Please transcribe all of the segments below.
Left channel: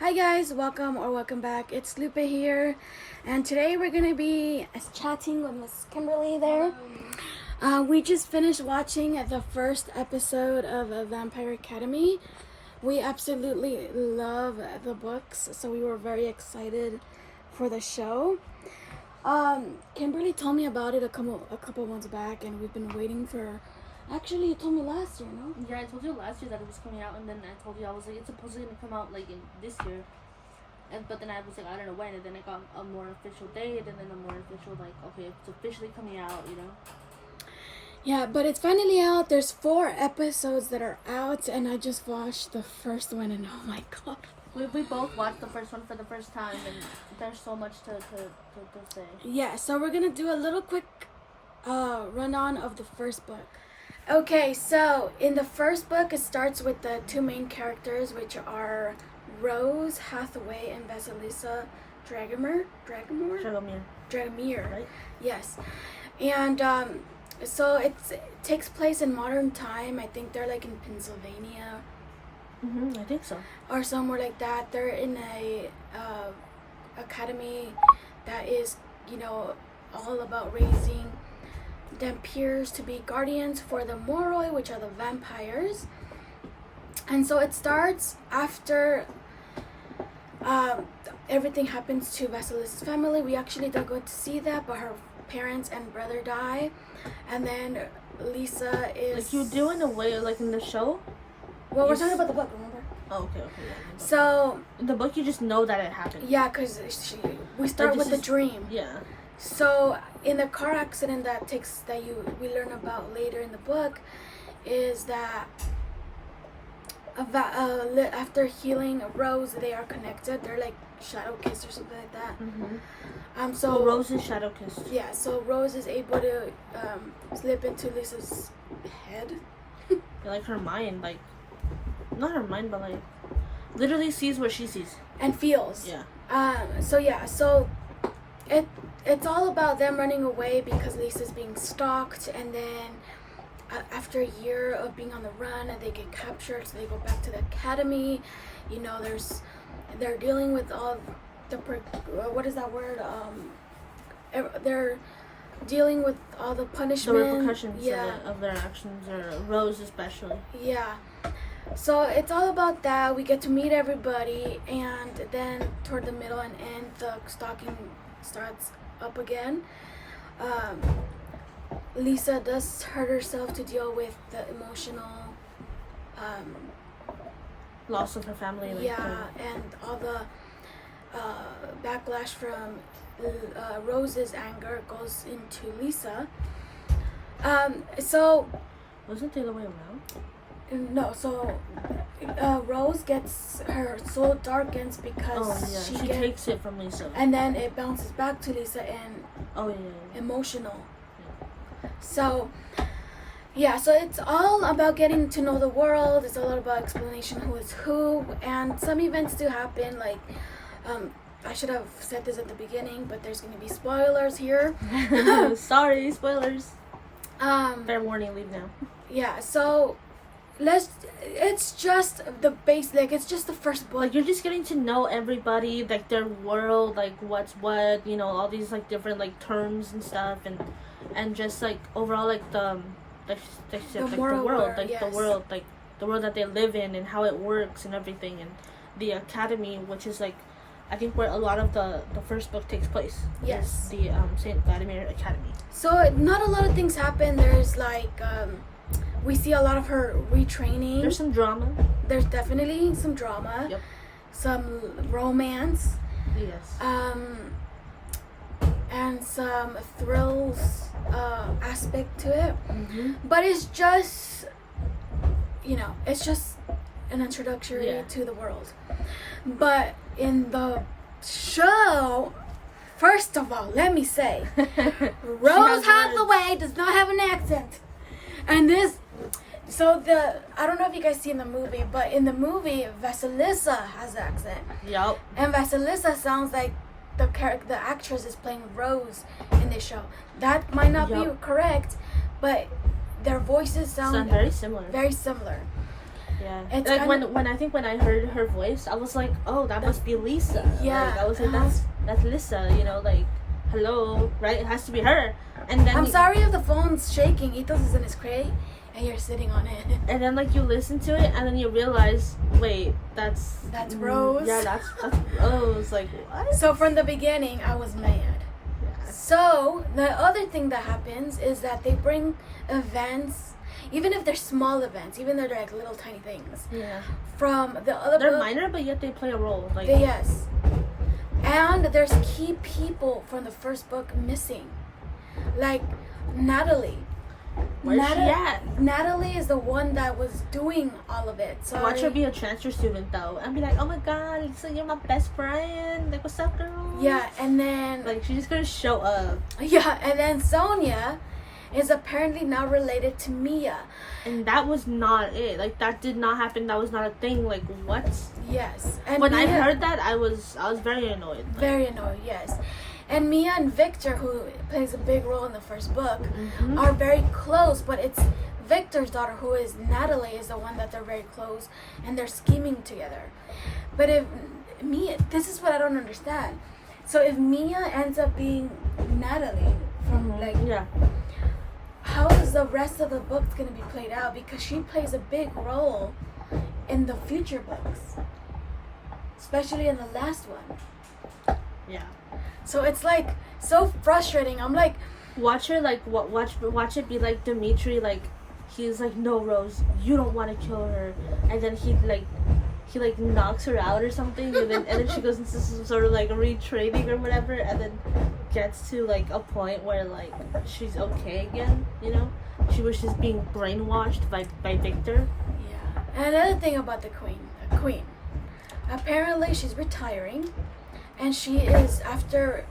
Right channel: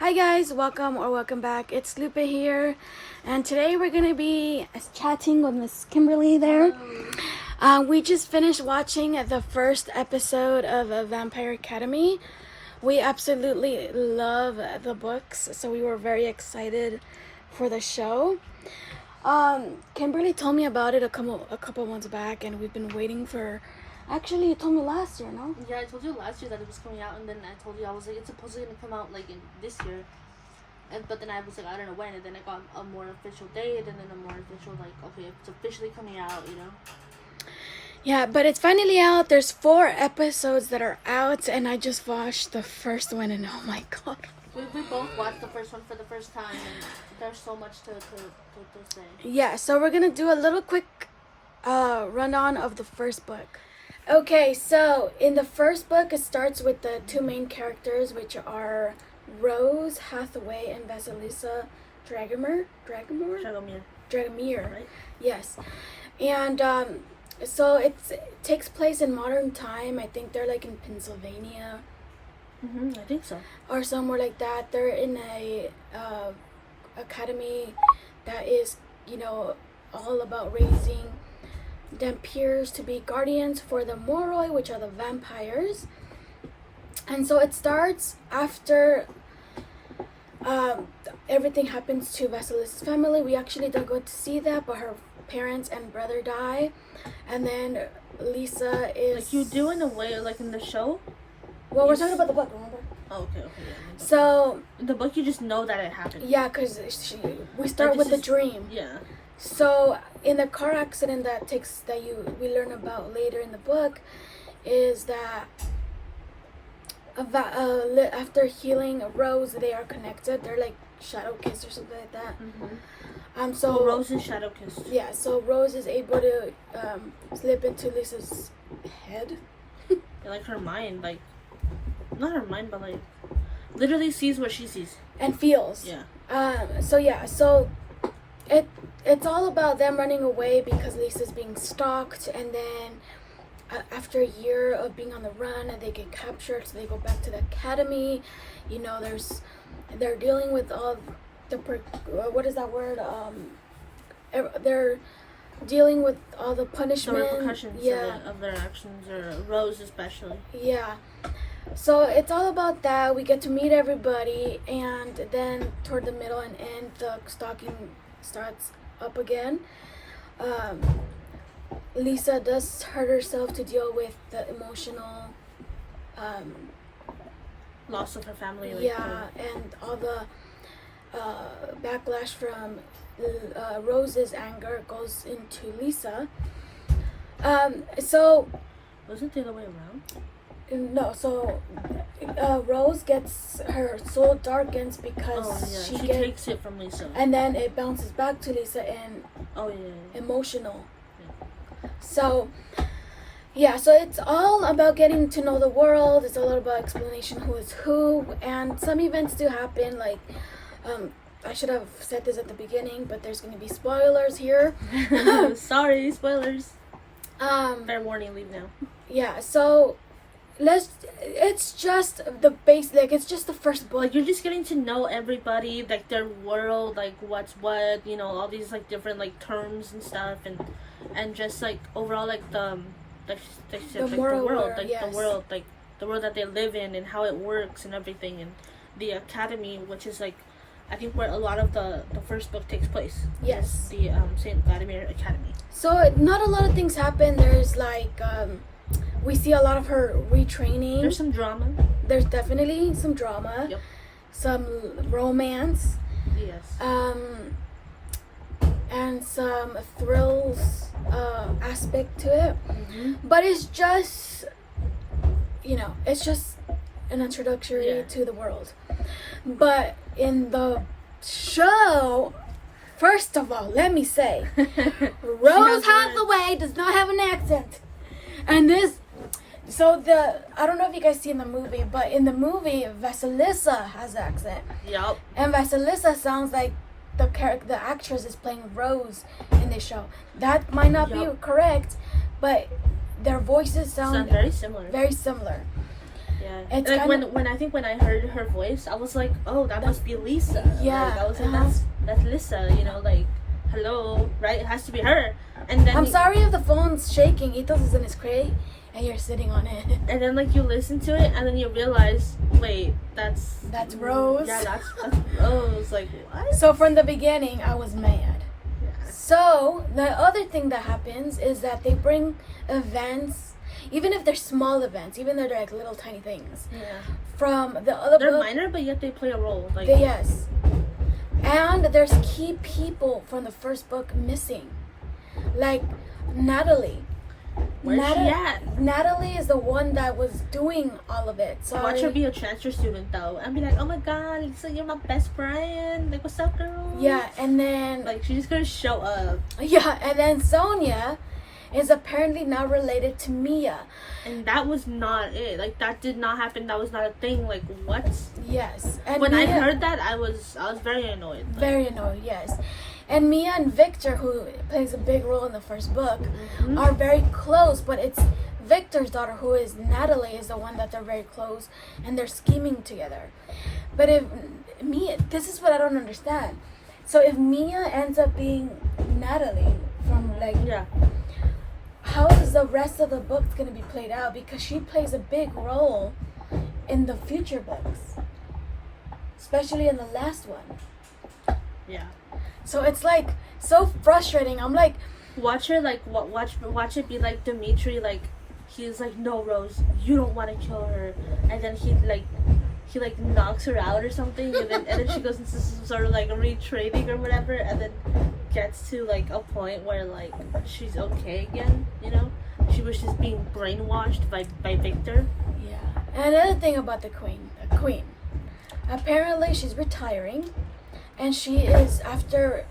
Hi guys, welcome back. It's Lupe here, and today we're gonna be chatting with Miss Kimberly there. We just finished watching the first episode of Vampire Academy. We absolutely love the books, so we were very excited for the show. Kimberly told me about it a couple months back, and we've been waiting for. Actually, you told me last year, no? Yeah, I told you last year that it was coming out, and then I told you I was like, it's supposedly gonna come out like in this year, but then I was like, I don't know when, and then I got a more official date, and then a more official okay, it's officially coming out. Yeah, but it's finally out. There's 4 episodes that are out, and I just watched the first one, and oh my god. We both watched the first one for the first time, and there's so much to say. Yeah, so we're gonna do a little quick rundown of the first book. Okay, so in the first book, it starts with the 2 main characters, which are Rose Hathaway and Vasilisa Dragomir, Right? yes. And so it takes place in modern time. I think they're like in Pennsylvania. I think so. Or somewhere like that. They're in a academy that is, all about raising Dhampirs to be guardians for the Moroi, which are the vampires. And so it starts after everything happens to Vasilisa's family. We actually don't go to see that, but her parents and brother die. And then Lisa is... Like you do in a way, like in the show? Well, we're talking about the book, remember? Oh, okay, yeah. So... In the book, you just know that it happened. Yeah, because we start with the dream. Yeah. So, in the car accident we learn about later in the book, is that after healing Rose, they are connected. They're like shadow kissed or something like that. So Rose is shadow kissed. Yeah. So Rose is able to slip into Lisa's head. Like her mind, like not her mind, but like literally sees what she sees and feels. Yeah. So it's all about them running away because Lisa's being stalked, and then after a year of being on the run, they get captured, so they go back to the academy. They're dealing with all the what is that word? They're dealing with all the punishment, the repercussions of their actions, or Rose especially. Yeah. So it's all about that. We get to meet everybody, and then toward the middle and end, the stalking starts up again. Lisa does hurt herself to deal with the emotional loss of her family. And all the backlash from Rose's anger goes into Lisa. So was it the other way around? No, so Rose gets, her soul darkens because she takes it from Lisa, and then it bounces back to Lisa and emotional. So so it's all about getting to know the world. It's all about explanation who is who, and some events do happen. Like I should have said this at the beginning, but there's going to be spoilers here. Sorry, spoilers. Fair warning, leave now. Yeah, so it's just the base, like it's just the first book. Like you're just getting to know everybody, like their world, like what's what, all these like different like terms and stuff, and just like overall like the world, like the world, like the world that they live in and how it works and everything, and the academy, which is like I think where a lot of the first book takes place. Yes. The Saint Vladimir Academy. So not a lot of things happen. There's like we see a lot of her retraining. There's some drama. There's definitely some drama. Yep. Some romance. Yes. And some thrills aspect to it. But it's just, it's just an introductory to the world. But in the show, first of all, let me say, Rose Hathaway does not have an accent. And I don't know if you guys see in the movie, but in the movie, Vasilisa has an accent. Yep. And Vasilisa sounds like the actress is playing Rose in this show. That might not be correct, but their voices sound very similar. Very similar. Yeah. It's like when I think when I heard her voice, I was like, oh, that must be Lisa. Yeah. Like, I was like, that's Lisa. You know, like, hello, right? It has to be her. And then I'm sorry if the phone's shaking. Ethos is in his crate, and you're sitting on it. And then like you listen to it, and then you realize, wait, that's Rose. Yeah, that's Rose. Like what? So from the beginning, I was mad. Yeah. So the other thing that happens is that they bring events, even if they're small events, even though they're like little tiny things, Yeah. from the other They're book. minor, but yet they play a role. Like Yes. And there's key people from the first book missing. Like Natalie. where's she at? Natalie is the one that was doing all of it. So Watch her be a transfer student though, and be like, "Oh my God, Lisa, you're my best friend. Like, what's up, girl?" Yeah, and then Like, she's just gonna show up, yeah, and then Sonia is apparently now related to Mia. and that was not it. Like, that did not happen. That was not a thing. Like, what? Yes, and When I Mia, heard that, I was very annoyed. Like, very annoying. Yes, and Mia and Victor, who plays a big role in the first book, mhm. are very close. But it's Victor's daughter, who is Natalie, is the one that they're very close, and they're scheming together. But if Mia, this is what I don't understand. So if Mia ends up being Natalie from like, yeah. how is the rest of the books going to be played out? Because she plays a big role in the future books, especially in the last one. Yeah. So it's like so frustrating. I'm like, Watch her like watch it be like Dimitri, like he's like, no, Rose, you don't want to kill her, and then he knocks her out or something, and then she goes into some sort of like retraining or whatever, and then gets to like a point where like she's okay again, you know. She was just being brainwashed by Victor. yeah. And another thing about the queen, apparently she's retiring, and she is after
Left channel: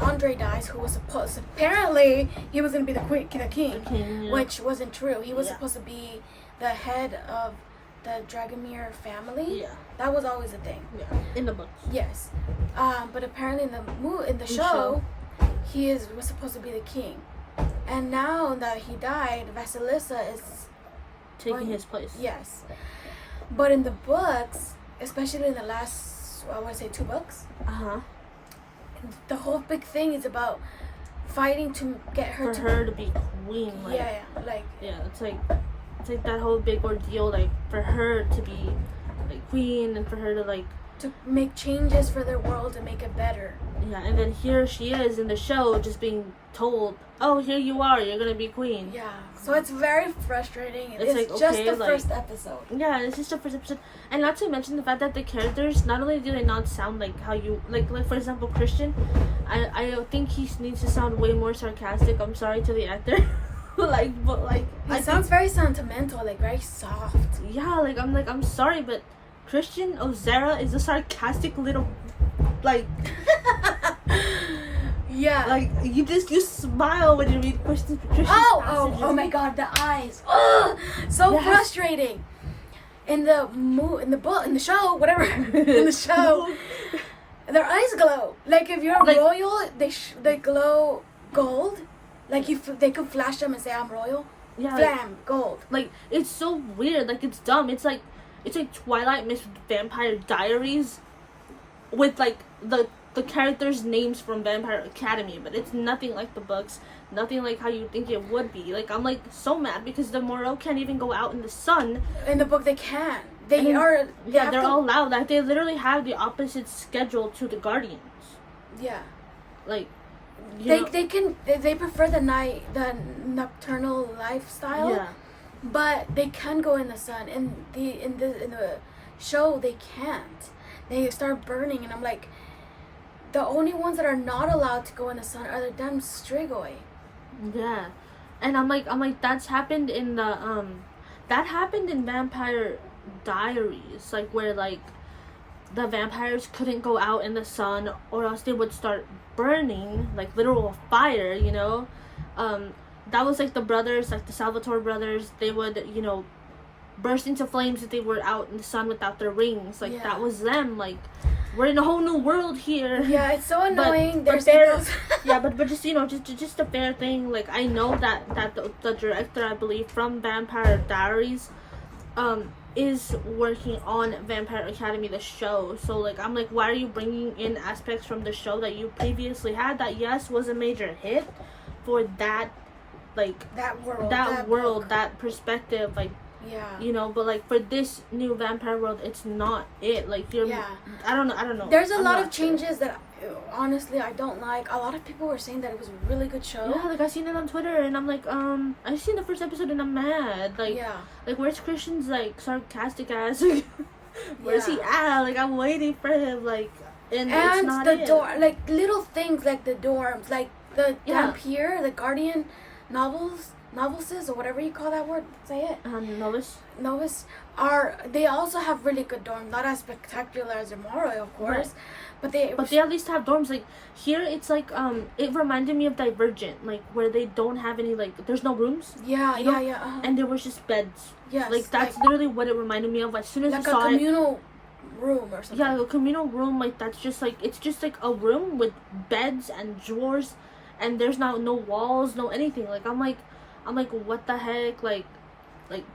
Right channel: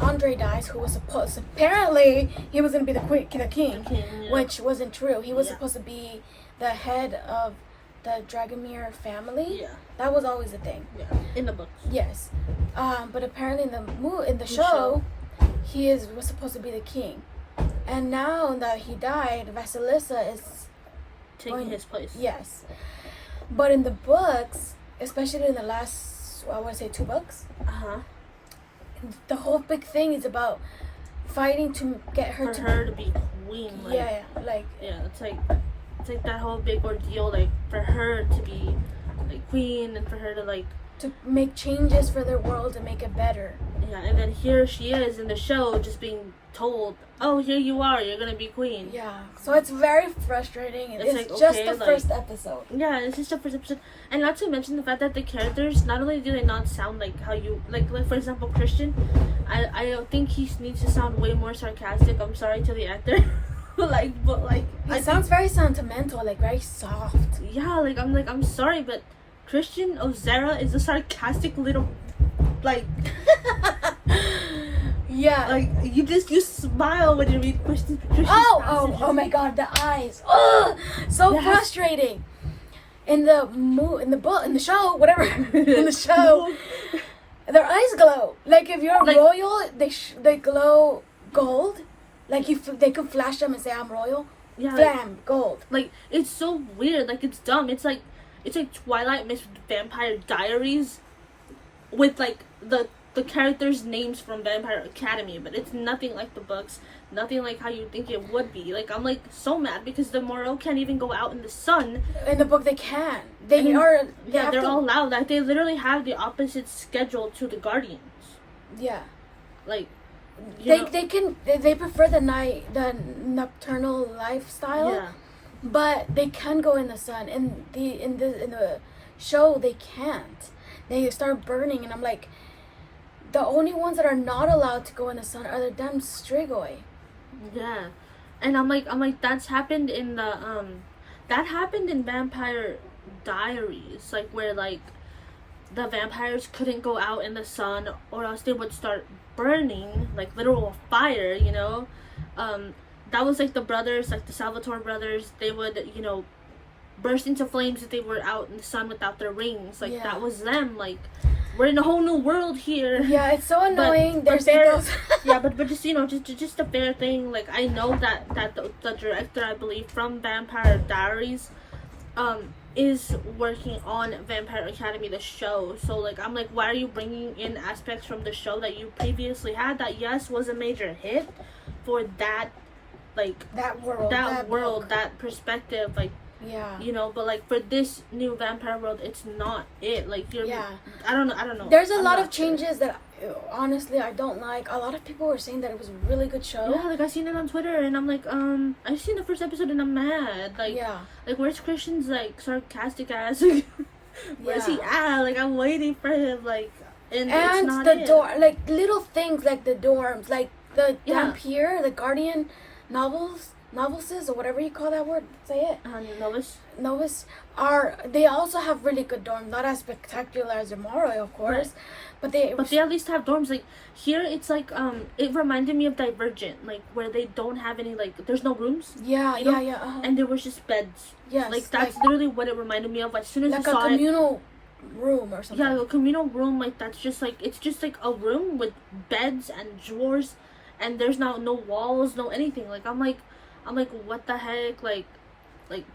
Andre dies, who was supposed, apparently he was gonna be the king, Yeah. which wasn't true. He was Yeah. supposed to be the head of the Dragomir family. Yeah. That was always a thing. Yeah. In the books. Yes, but apparently in the show, he was supposed to be the king, and now that he died, Vasilisa is Taking his place. yes. But in the books, especially in the last, I want to say 2 books, Uh-huh. the whole big thing is about fighting to get her For to her to be queen, like yeah, like yeah, it's like that whole big ordeal, like for her to be like queen and for her to like to make changes for their world and make it better. yeah, and then here she is in the show just being told, oh, here you are, you're gonna be queen. Yeah, so it's very frustrating. It's It's like, just okay, the like- first episode. Yeah, it's just a perception, and not to mention the fact that the characters, not only do they not sound like how you like for example Christian, I think he needs to sound way more sarcastic. I'm sorry to the actor, but It sounds very sentimental, like very soft. yeah, I'm sorry, but Christian Ozera is a sarcastic little like Yeah. like you smile when you read Christian Oh my God, the eyes. Ugh, so Yes. frustrating. In the show, whatever, in the show, their eyes glow. Like if you're Like- royal, they glow gold. Like they could flash them and say I'm royal. yeah, like, Blam, gold. like it's so weird, like it's dumb. It's like Twilight Miss Vampire Diaries with like the characters' names from Vampire Academy, but it's nothing like the books, nothing like how you think it would be. Like I'm like so mad because the Moreau can't even go out in the sun. In the book, they can. They And- are. They Yeah, have they're to, all loud. Like they literally have the opposite schedule to the Guardians. Yeah. Like you know, They prefer the nocturnal lifestyle. yeah. But they can go in the sun. In the show, they can't. They start burning, and I'm like, the only ones that are not allowed to go in the sun are the damn Strigoi. Yeah, and I'm like that's happened in that happened in Vampire Diaries, like where like the vampires couldn't go out in the sun or else they would start burning, like literal fire, you know. That was like the brothers, like the Salvatore brothers, they would, you know, burst into flames if they were out in the sun without their rings. Like Yeah. that was them. Like we're in a whole new world here. Yeah, it's so annoying. But There's they're- yeah, but just you know, just a fair thing. Like I know that the director, I believe, from Vampire Diaries, is working on Vampire Academy, the show. So like, I'm like, why are you bringing in aspects from the show that you previously had that yes was a major hit for that, like that world, that perspective, like. Yeah. You know, but like for this new Vampire World, it's not it. Like you're. Yeah. I don't know. There's a lot of changes that honestly I don't like. A lot of people were saying that it was a really good show. Yeah, like I seen it on Twitter and I'm like, I've seen the first episode and I'm mad. Like, yeah. Like where's Christian's like sarcastic ass? Where's he at? Like I'm waiting for him. Like, and it's not the it. door, like little things like the dorms, like the Dampier, the Guardian novices or whatever you call that word, say it. Novice they also have really good dorms, not as spectacular as Amore, of course, right. but they at least have dorms. Like here it's like it reminded me of Divergent, like where they don't have any, like there's no rooms, and there was just beds. Yes, like that's literally what it reminded me of. As soon as like I saw a communal room or something. Yeah, a communal room, like that's just like, it's just like a room with beds and drawers, and there's no walls, no anything. Like I'm like what the heck, like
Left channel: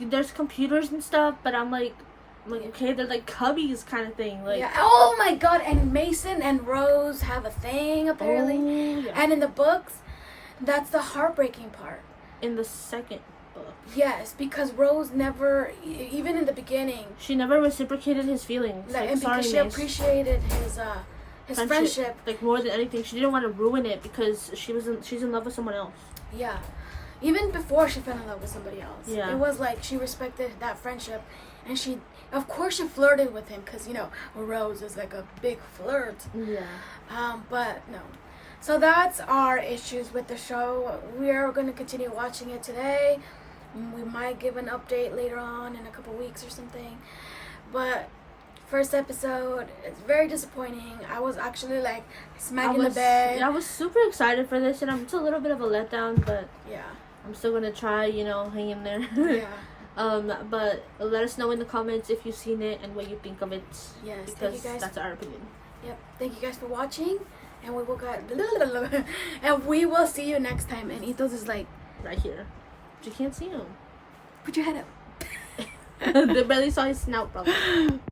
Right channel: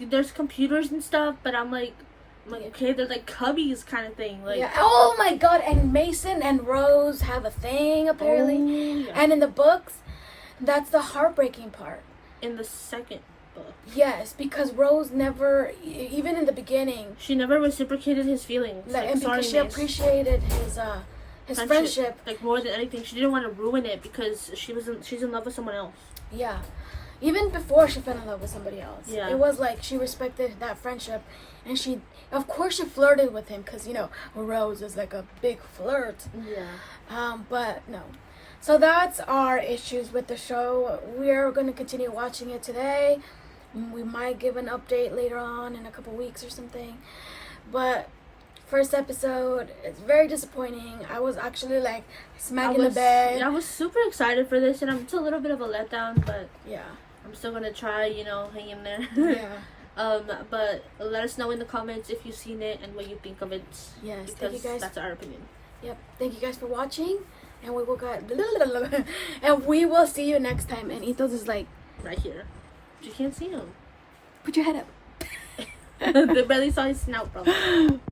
there's computers and stuff, but I'm like okay, they're like cubbies kind of thing. Like, yeah. Oh my god! And Mason and Rose have a thing apparently, and in the books, that's the heartbreaking part. In the second book. Yes, because Rose never, even in the beginning, she never reciprocated his feelings. And because she appreciated his friendship, like more than anything, she didn't want to ruin it because she's in love with someone else. Yeah. Even before she fell in love with somebody else. Yeah. It was like she respected that friendship. And she, of course, she flirted with him because, Rose is like a big flirt. Yeah. But no. So that's our issues with the show. We are going to continue watching it today. We might give an update later on in a couple weeks or something. But first episode, it's very disappointing. I was actually like smacking the bed. Yeah, I was super excited for this, and it's a little bit of a letdown, but yeah. I'm still gonna try, hang in there. Yeah. But let us know in the comments if you've seen it and what you think of it. Yes, because that's our opinion. Yep. Thank you guys for watching, and we will see you next time. And Ethos is like right here. You can't see him. Put your head up. They barely saw his snout, probably.